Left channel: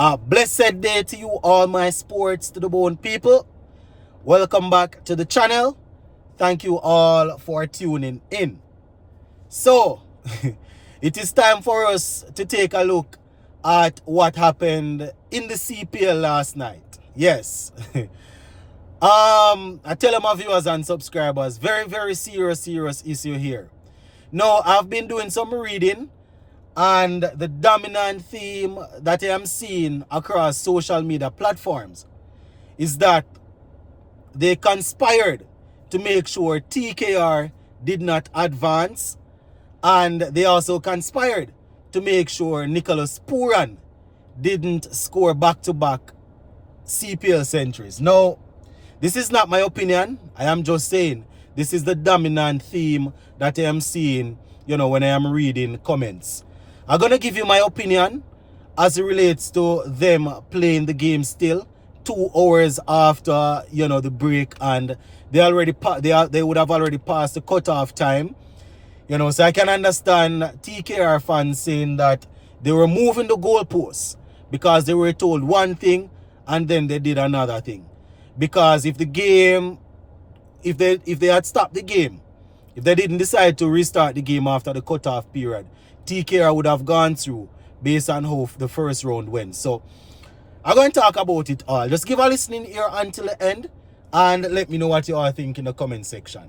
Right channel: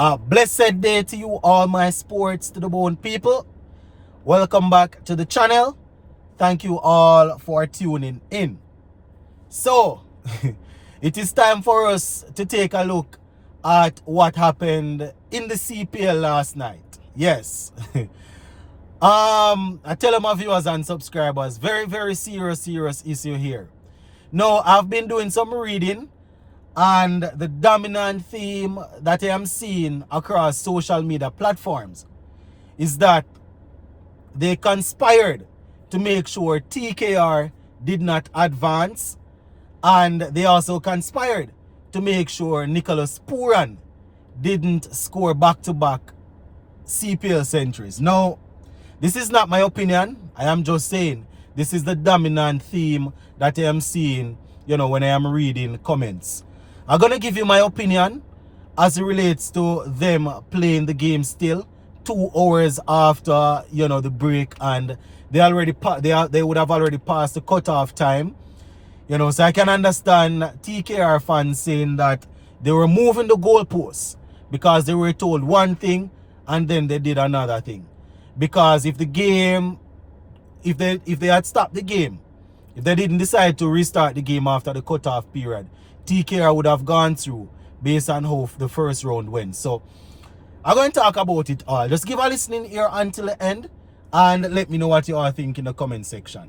A blessed day to you, all my sports to the bone people. Welcome back to the channel. Thank you all for tuning in. So, it is time for us to take a look at what happened in the CPL last night. Yes. I tell my viewers and subscribers, very serious issue here. Now, I've been doing some reading, and the dominant theme that I am seeing across social media platforms is that they conspired to make sure TKR did not advance, and they also conspired to make sure Nicholas Pooran didn't score back-to-back CPL centuries. Now, this is not my opinion. I am just saying this is the dominant theme that I am seeing, when I am reading comments. I'm going to give you my opinion as it relates to them playing the game still 2 hours after, the break, and they would have already passed the cutoff time. So I can understand TKR fans saying that they were moving the goalposts because they were told one thing and then they did another thing. Because if they had stopped the game, if they didn't decide to restart the game after the cutoff period, TKR would have gone through based on how the first round went. So I'm going to talk about it all. Just give a listening ear until the end and let me know what you all think in the comment section.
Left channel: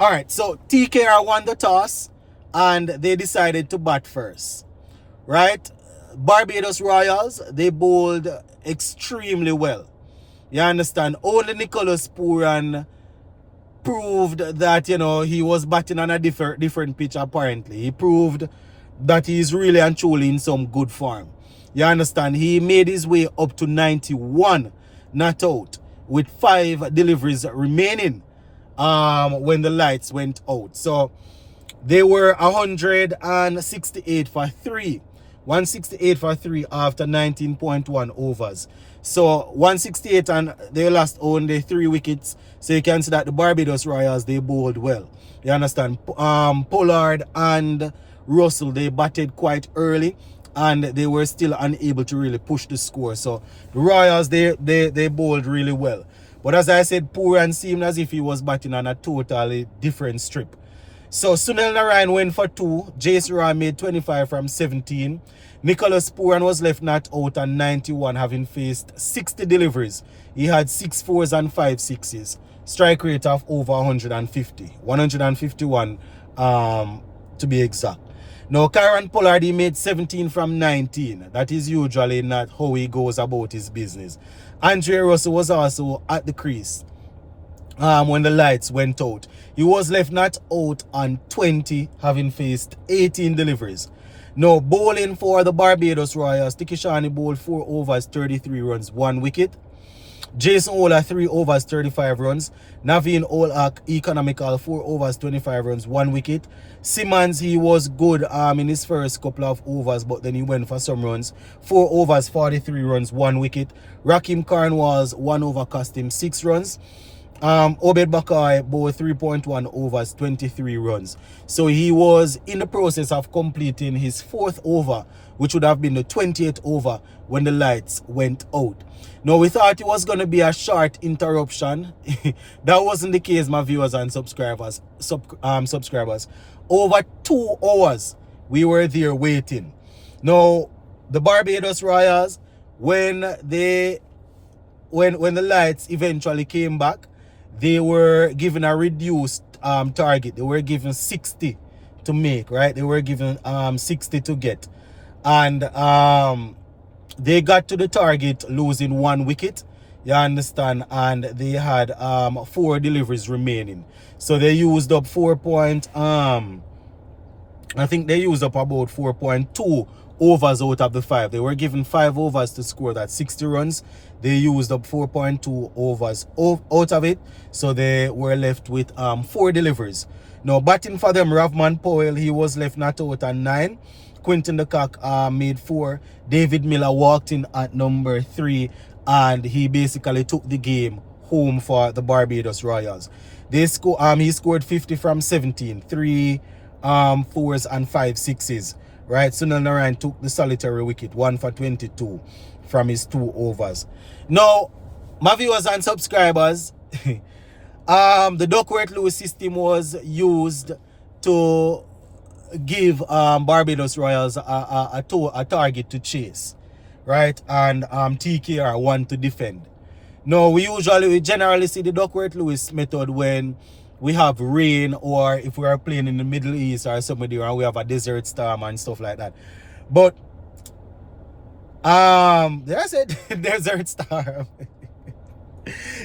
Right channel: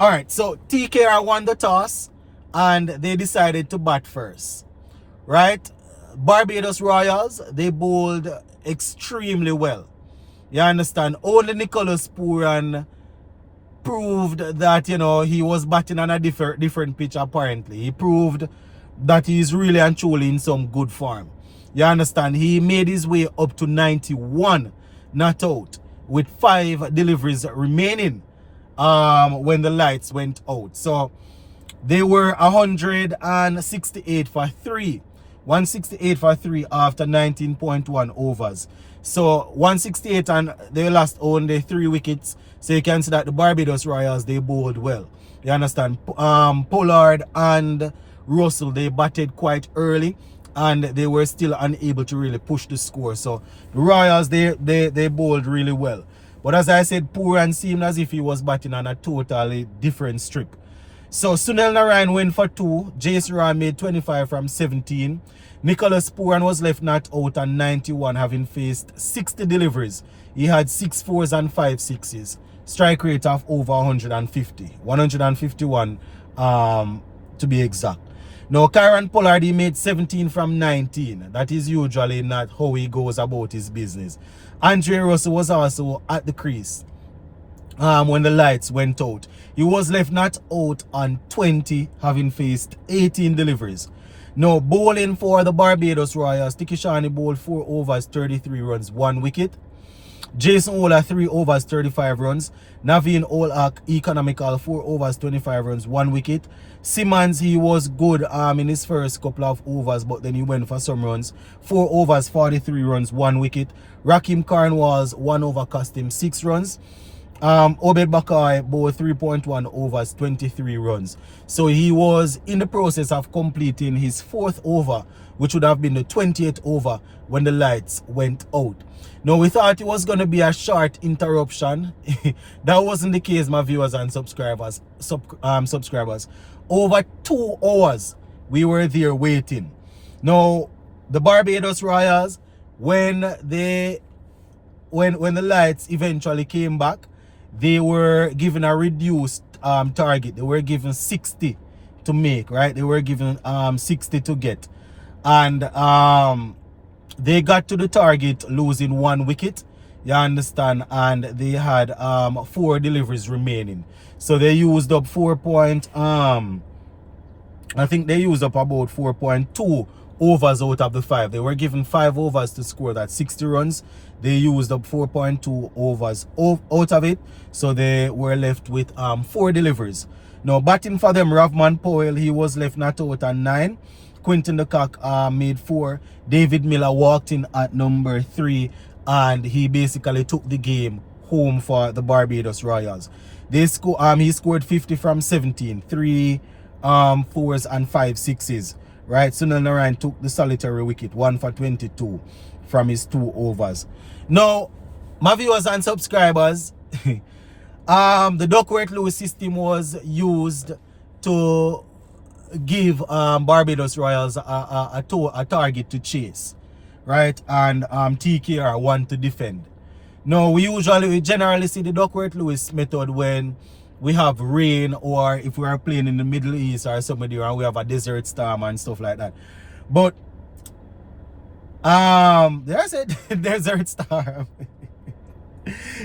Alright, so TKR won the toss and they decided to bat first. Right? Barbados Royals, they bowled extremely well. You understand? Only Nicholas Pooran proved that, he was batting on a different pitch apparently. He proved that he's really and truly in some good form. You understand? He made his way up to 91 not out with 5 deliveries remaining when the lights went out. So they were 168 for 3. 168 for 3 after 19.1 overs. So 168, and they lost only 3 wickets. So you can see that the Barbados Royals, they bowled well. You understand? Pollard and Russell, they batted quite early and they were still unable to really push the score. So the Royals, they bowled really well. But as I said, Pooran seemed as if he was batting on a totally different strip. So Sunil Narayan went for 2. Jace Roy made 25 from 17. Nicholas Pooran was left not out on 91, having faced 60 deliveries. He had 6 fours and 5 sixes. Strike rate of over 150. 151 to be exact. Now, Kieran Pollard, he made 17 from 19. That is usually not how he goes about his business. Andre Russell was also at the crease when the lights went out. He was left not out on 20, having faced 18 deliveries. Now, bowling for the Barbados Royals, Tikishani bowled 4 overs, 33 runs, 1 wicket. Jason Ola 3 overs, 35 runs. Naveen Olak economical 4 overs, 25 runs, 1 wicket. Simmons, he was good in his first couple of overs, but then he went for some runs. 4 overs, 43 runs, 1 wicket. Rakim Cornwalls 1 over cost him 6 runs. Obed Bakai bowled 3.1 overs, 23 runs. So he was in the process of completing his 4th over, which would have been the 20th over when the lights went out. Now, we thought it was going to be a short interruption. That wasn't the case, my viewers and subscribers. Over 2 hours, we were there waiting. Now, the Barbados Royals, when the lights eventually came back, they were given a reduced target. They were given 60 to make, right? They were given 60 to get. And they got to the target losing 1 wicket. You understand? And they had 4 deliveries remaining. So they used up I think they used up about 4.2 overs out of the 5. They were given 5 overs to score that 60 runs. They used up 4.2 overs out of it. So they were left with 4 deliveries. Now, batting for them, Ravman Powell, he was left not out on 9. Quinton de Kock made 4. David Miller walked in at number 3. And he basically took the game home for the Barbados Royals. He scored 50 from 17. 3 fours and 5 sixes. right? Sunil Narayan took the solitary wicket, 1 for 22 from his 2 overs. Now, my viewers and subscribers, the Duckworth-Lewis system was used to give Barbados Royals a target to chase, right? And TKR one to defend. Now, we generally see the Duckworth-Lewis method when we have rain, or if we are playing in the Middle East or somewhere and we have a desert storm and stuff like that. But there's a desert storm.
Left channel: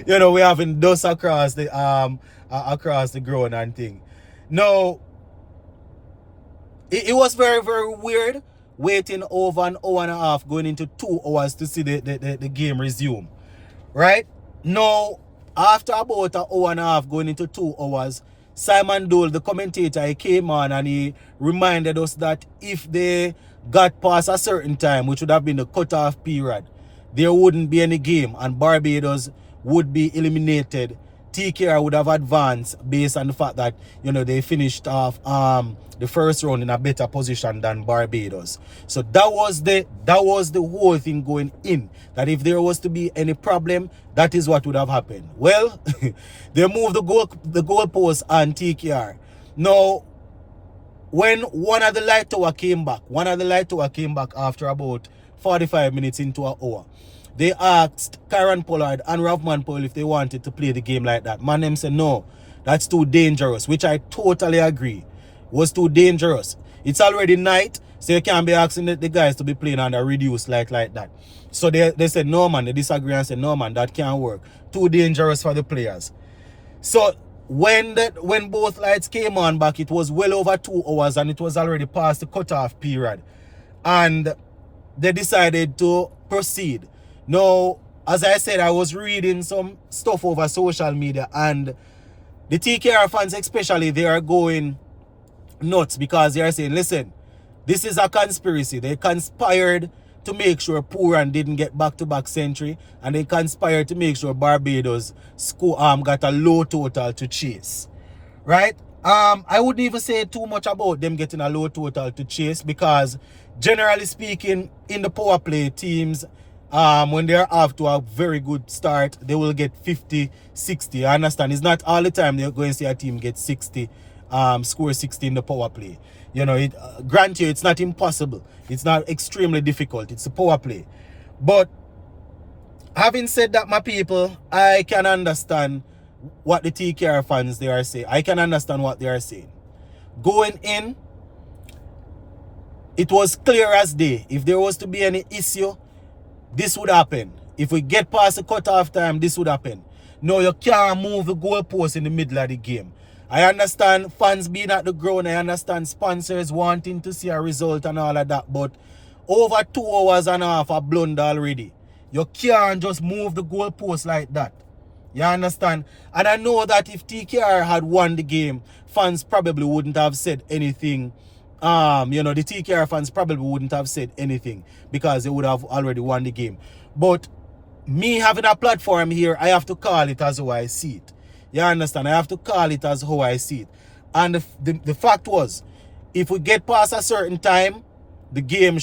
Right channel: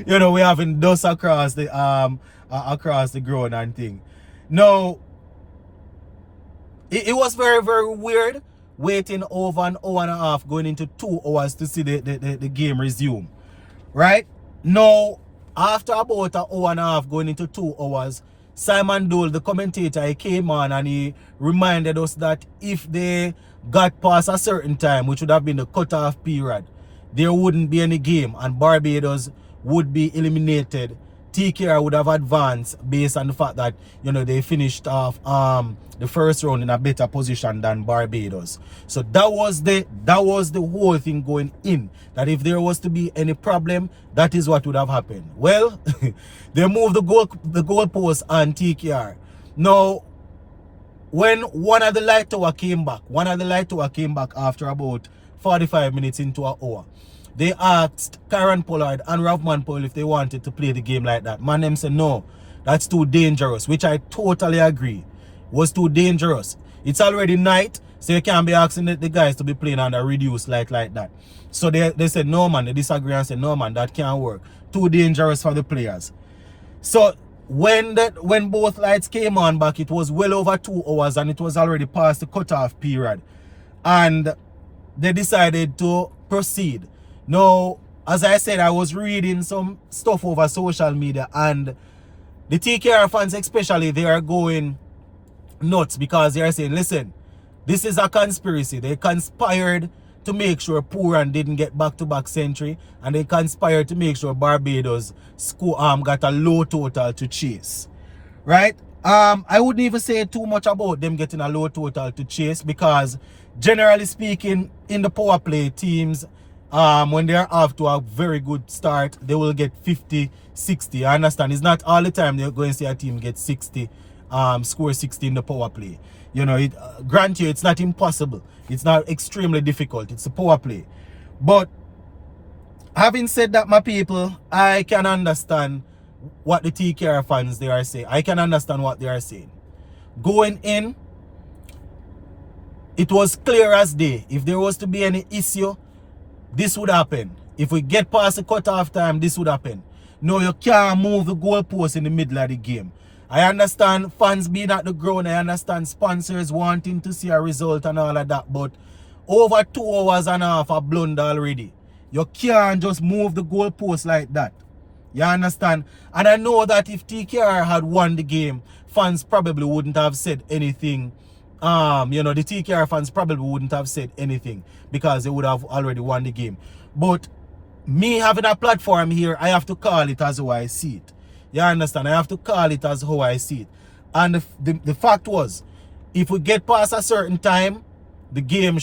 You know, we having dust across the ground and thing. Now, it was very, very weird waiting over an hour and a half, going into 2 hours to see the game resume. Right? Now, after about an hour and a half, going into 2 hours, Simon Dole, the commentator, he came on and he reminded us that if they got past a certain time, which would have been the cutoff period, there wouldn't be any game and Barbados would be eliminated. TKR would have advanced based on the fact that, you know, they finished off the first round in a better position than Barbados. So that was the whole thing going in, that if there was to be any problem, that is what would have happened. Well, they moved the goalpost on TKR. Now, when one of the light tower came back after about 45 minutes into an hour, they asked Karen Pollard and Ravman Powell if they wanted to play the game like that. Man, them said no, that's too dangerous, which I totally agree. Was too dangerous. It's already night, so you can't be asking the guys to be playing under reduced light like that. So they said no, man. They disagree and said no, man, that can't work. Too dangerous for the players. So when both lights came on back, it was well over 2 hours and it was already past the cutoff period. And they decided to proceed. Now, as I said, I was reading some stuff over social media, and the TKR fans especially, they are going nuts because they are saying, listen, this is a conspiracy. They conspired to make sure Pooran didn't get back-to-back century, and they conspired to make sure Barbados got a low total to chase. Right? I wouldn't even say too much about them getting a low total to chase, because generally speaking, in the power play, teams, when they're off to a very good start, they will get 50, 60. I understand it's not all the time they're going to see a team get 60, score 60 in the power play. You know, grant you, it's not impossible. It's not extremely difficult. It's a power play. But having said that, my people, I can understand what the TKR fans they are saying. I can understand what they are saying. Going in, it was clear as day. If there was to be any issue, this would happen. If we get past the cutoff time, this would happen. No, you can't move the goalpost in the middle of the game. I understand fans being at the ground. I understand sponsors wanting to see a result and all of that. But over 2 hours and a half of blunder already. You can't just move the goalpost like that. You understand? And I know that if TKR had won the game, fans probably wouldn't have said anything. You know, the TKR fans probably wouldn't have said anything because they would have already won the game. But me having a platform here, I have to call it as how I see it. You understand? I have to call it as how I see it. And the fact was, if we get past a certain time, the game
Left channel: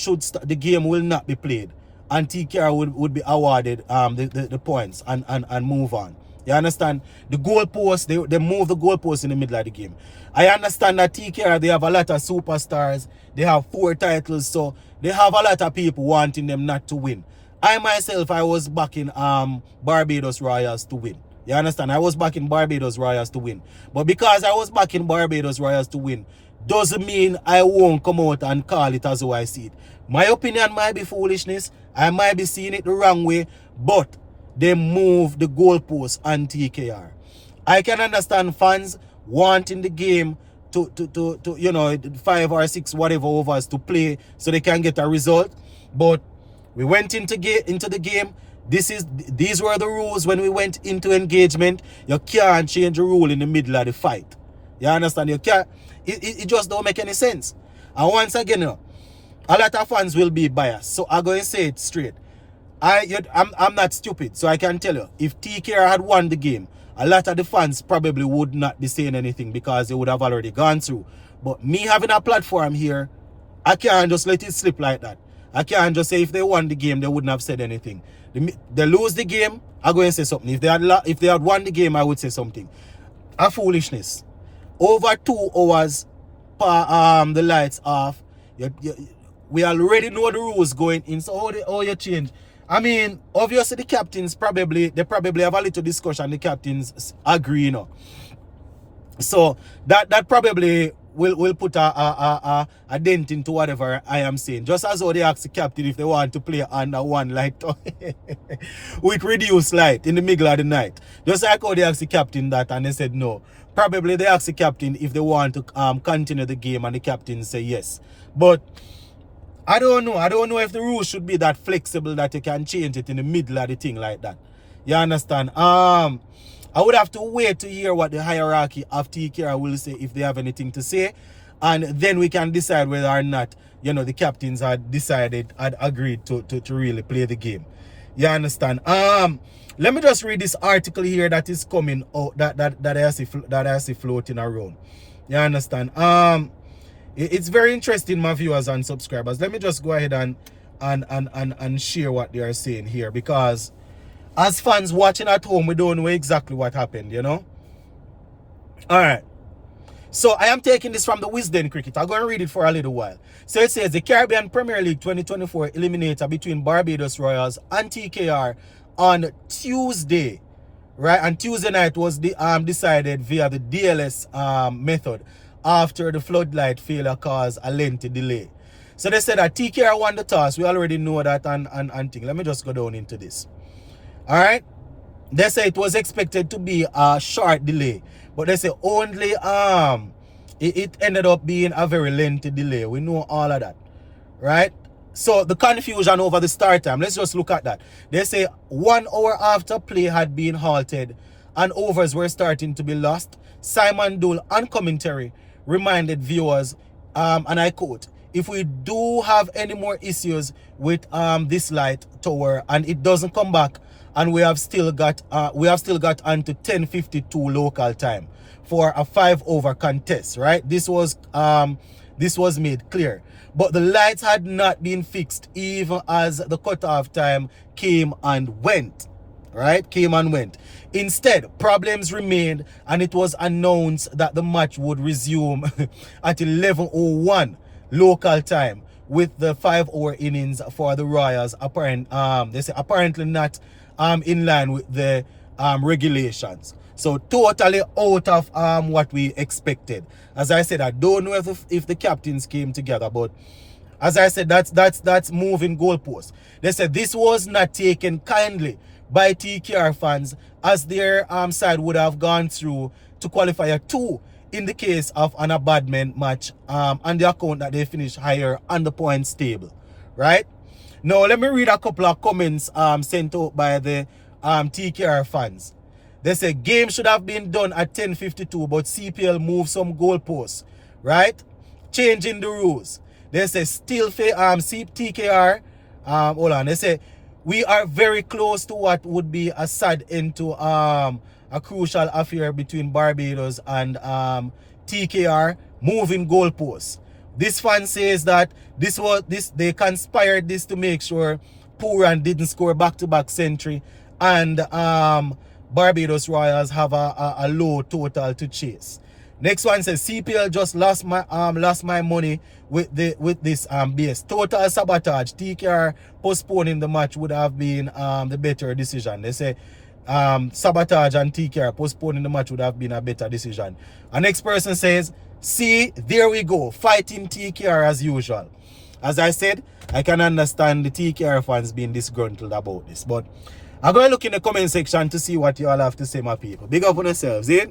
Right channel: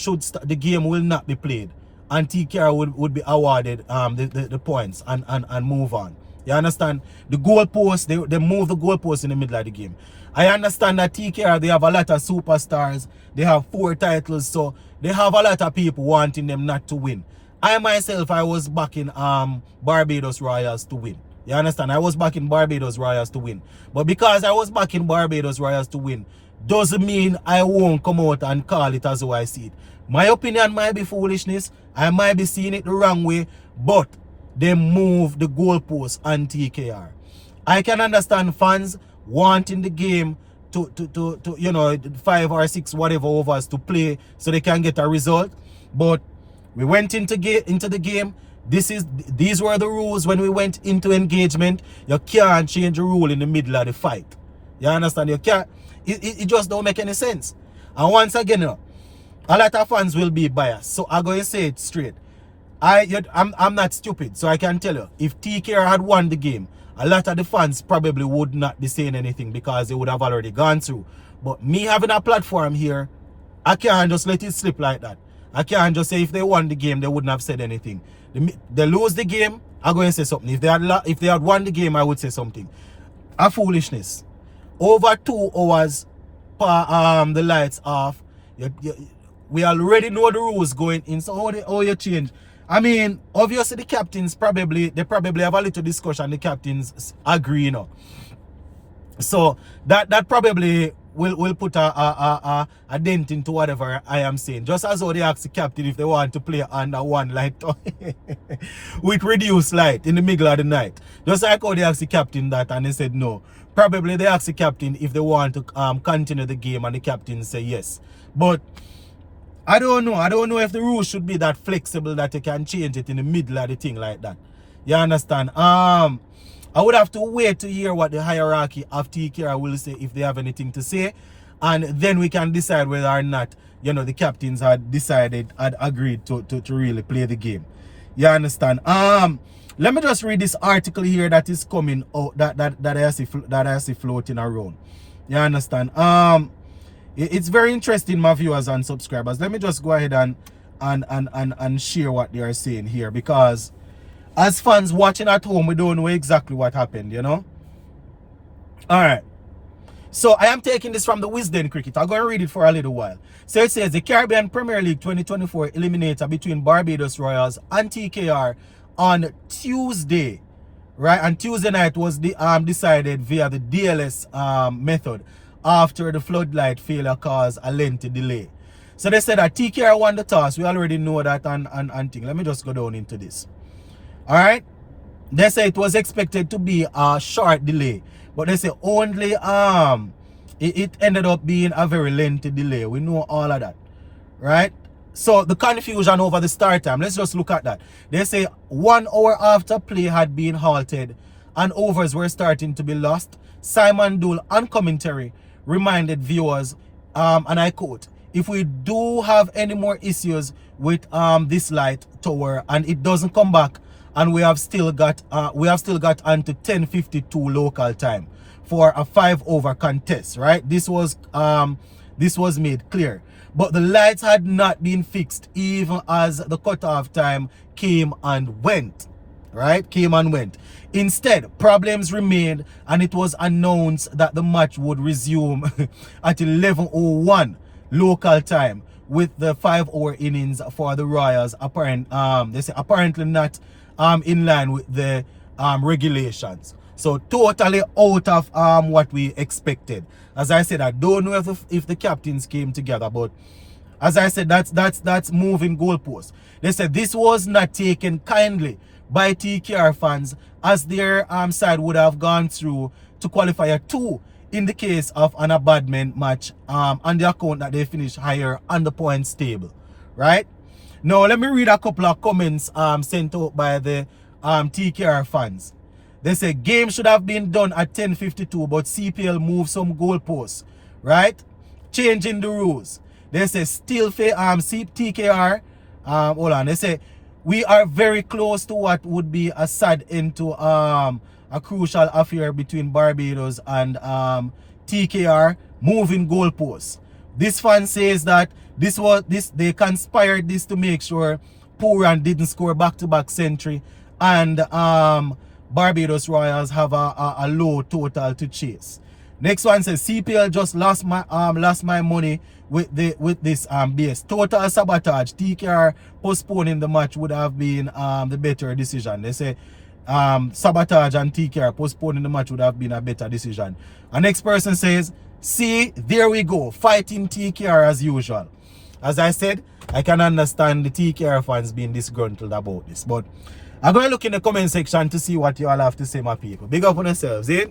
will not be played, and TKR would be awarded the points and move on. You understand? The goalpost, they move the goalpost in the middle of the game. I understand that TKR, they have a lot of superstars. They have 4 titles, so they have a lot of people wanting them not to win. I myself, I was backing Barbados Royals to win. You understand? I was backing Barbados Royals to win. But because I was backing Barbados Royals to win, doesn't mean I won't come out and call it as how I see it. My opinion might be foolishness. I might be seeing it the wrong way, but they move the goalpost on TKR. I can understand fans wanting the game to you know, 5 or 6 whatever overs to play so they can get a result. But we went into the game. These were the rules when we went into engagement. You can't change the rule in the middle of the fight. You understand? You can't. It just don't make any sense. And once again, you know, a lot of fans will be biased. So I'm going to say it straight. I'm not stupid, so I can tell you, if TKR had won the game, a lot of the fans probably would not be saying anything because they would have already gone through. But me having a platform here, I can't just let it slip like that. I can't just say if they won the game, they wouldn't have said anything. They lose the game, I'm going to say something. If they had won the game, I would say something. A foolishness. Over 2 hours the lights off. We already know the rules going in. So how you change? I mean, obviously the captains probably have a little discussion. The captains agree, you know. So that probably will put a dent into whatever I am saying. Just as how they ask the captain if they want to play under one light with reduced light in the middle of the night. Just like how they asked the captain that and they said no. Probably they asked the captain if they want to continue the game and the captain say yes. But I don't know. I don't know if the rules should be that flexible that you can change it in the middle of the thing like that. You understand? I would have to wait to hear what the hierarchy of TKR will say if they have anything to say. And then we can decide whether or not, you know, the captains had agreed to really play the game. You understand? Let me just read this article here that is coming out that I see floating around. You understand? It's very interesting, my viewers and subscribers. Let me just go ahead and share what they are saying here, because as fans watching at home, we don't know exactly what happened, you know? Alright. So I am taking this from the Wisden Cricket. I'm going to read it for a little while. So it says the Caribbean Premier League 2024 eliminator between Barbados Royals and TKR on Tuesday. Right? And Tuesday night was decided via the DLS method after the floodlight failure caused a lengthy delay. So they said that TKR won the toss. We already know that and thing. Let me just go down into this. Alright, they say it was expected to be a short delay, but they say only it ended up being a very lengthy delay. We know all of that, right? So the confusion over the start time, let's just look at that. They say 1 hour after play had been halted and overs were starting to be lost, Simon Dool on commentary reminded viewers, and I quote, if we do have any more issues with this light tower and it doesn't come back, and we have still got unto 10:52 local time for a 5-over contest, right? This was made clear. But the lights had not been fixed even as the cutoff time came and went. Right? Came and went. Instead, problems remained and it was announced that the match would resume at 11:01 local time with the 5-hour innings for the Royals they say apparently not in line with the regulations. So totally out of what we expected. As I said, I don't know if the captains came together, but as I said, that's moving goalposts. They said this was not taken kindly by TKR fans, as their side would have gone through to qualifier 2 in the case of an abandonment match on the account that they finished higher on the points table, right? Now, let me read a couple of comments sent out by the TKR fans. They say, game should have been done at 10:52, but CPL moved some goalposts, right? Changing the rules. They say, still TKR, hold on, they say, we are very close to what would be a sad end to a crucial affair between Barbados and TKR, moving goalposts. This fan says that they conspired this to make sure Puran didn't score back-to-back century and Barbados Royals have a low total to chase. Next one says CPL just lost my money with this base. Total sabotage. TKR postponing the match would have been the better decision. They say sabotage and TKR postponing the match would have been a better decision. And next person says, see, there we go, fighting TKR as usual. As I said, I can understand the TKR fans being disgruntled about this, but I'm going to look in the comment section to see what you all have to say, my people. Big up on yourselves, eh?